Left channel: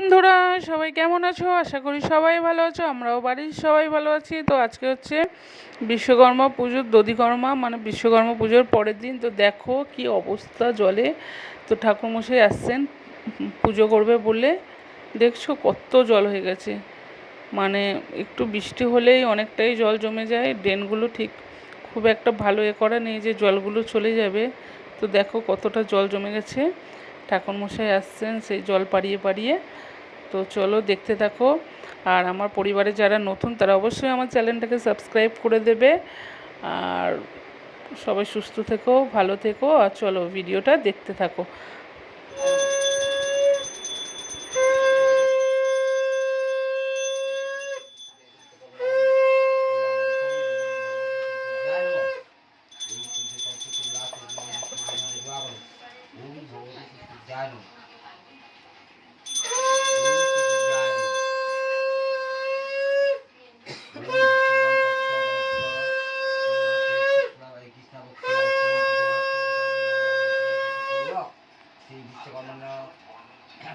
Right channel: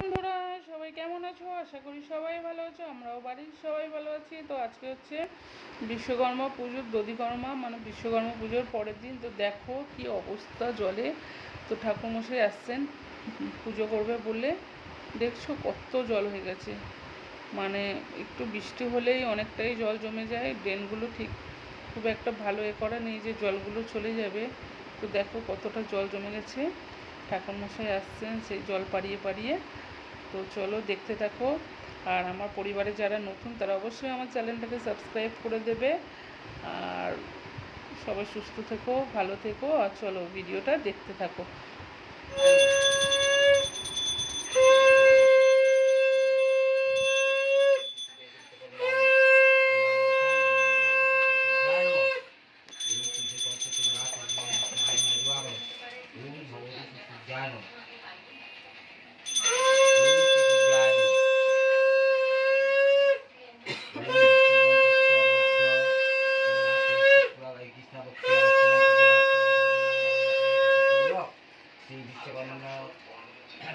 বন্ধুরা, সবাই কেমন আছো? আশা করি সবাই ভালো আছো, আমরাও বাড়ির সবাই ভালো আছি। তো আজকে হচ্ছে বিশ্বকর্মা পুজোর দধিকর্মা মানে বিশ্বকর্মা পুজোর পরের দিন। তো দেখো কি অবস্থা জলে। তো ঠাকুরমশাই আসছেন, পুজো করবে বলে। দেখছ কত জল হয়ে গেছে। মানে একটু বৃষ্টি হলেই অনেকটাই জল জমে যায়। ড্রেনগুলো ঠিক খুব একটা ভালো এ করা নেই যে জলগুলো চলে যাবে। তো দেখো কতটা জল জমে গেছে। ঠাকুরমশাই আসছেন সেই জল পাড়িয়ে পাড়িয়ে। তো চলো দেখতে থাকো। আর আমার পরিবারে যারা নতুন, তারা অবশ্যই আমার চ্যানেলটাকে সাবস্ক্রাইব করে দেবে। আর সবাই সুস্থ থেকো, ভালো থেকো, আর চলো ভিডিওটা দেখতে থাকো।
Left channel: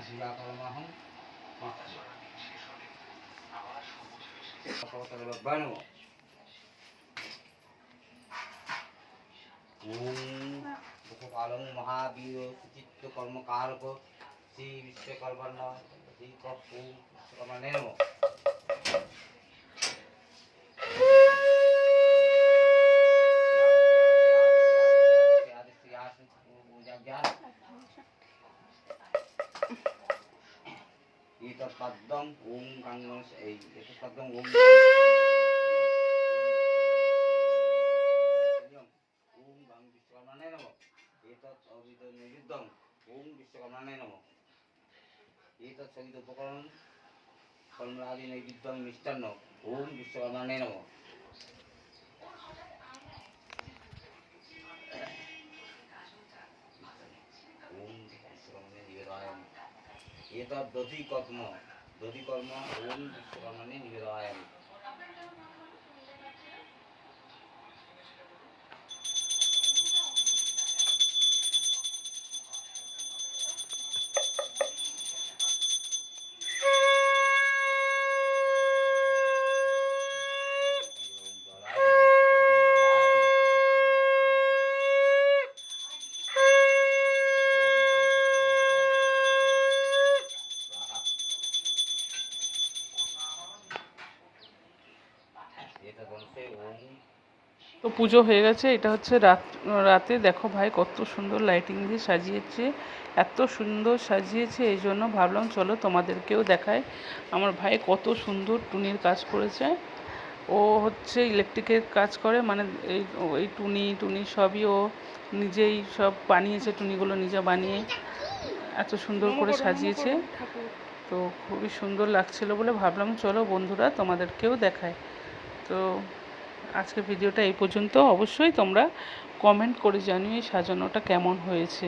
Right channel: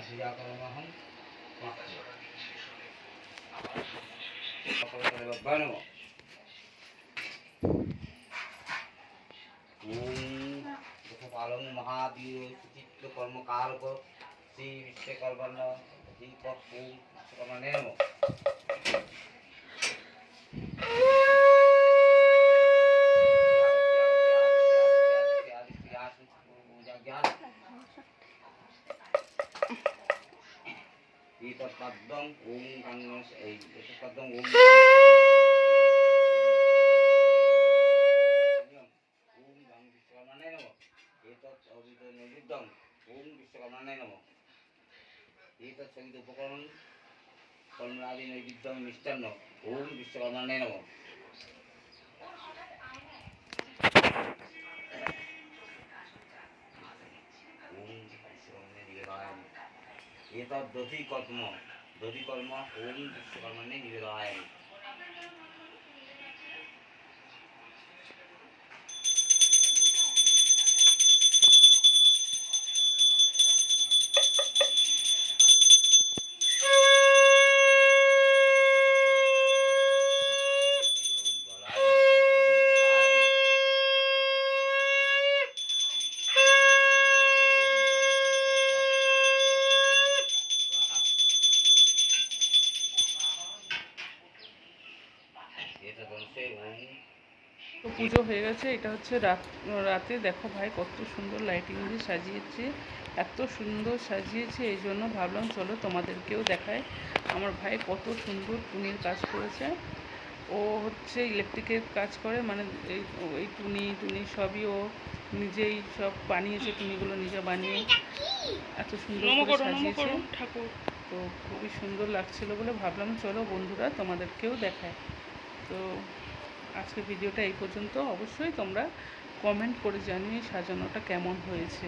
शिवाकर्महं भगवतर्भ्य नमः ॐ मुखपालं महावीर कुचित्वकर्मकाल्प श्री विश्वकर्मण श्री कपूं विश्वकर्मणे नमः ज्ञान পদ্মম ওম গঙ্গ এই পদ্মম ওম ওম গং বিশ্বকর্মাণায় নম এতৎ অবিদ নৈবেদ্যং ওম বিশ্বকর্মাণায় নম এতৎ সংগীত উপকরণ মিষ্টান্ন ওম বিশ্বকর্মাণায় নম এতৎ দধিকর্ম দধিকর্ম দধি কর্ম ওম বিশ্বকর্মাণে নিবেদনায় তো পুজো হয়ে গেছে এটা হচ্ছে রাত রাতে দেখো ভাই কত সুন্দর লাইটিং দিয়ে সাজিয়েছে এত সুন্দর সাজিয়েছে এই জন্য ভাবলাম চলো তোমাদেরকেও দেখায় আমার ভাই কত সুন্দর টুনির কাজ করেছে। ও হচ্ছে ইলেকট্রিকের কাজ করে মানে এই এই টুনি টুনি সবই ও নিজেই সব বানিয়েছে টুনিগুলো নিজে বানিয়ে এত সুন্দর করে সাজিয়েছে। তো খুবই সুন্দর লাগছিল বলে ভাবলাম চলো বন্ধুরা তোমাদেরকেও দেখায় তো আজকের ভিডিওটা এই পর্যন্ত। অবশ্যই তোমরা কমেন্ট করে জানিও সাজানোটা কেমন হয়েছে।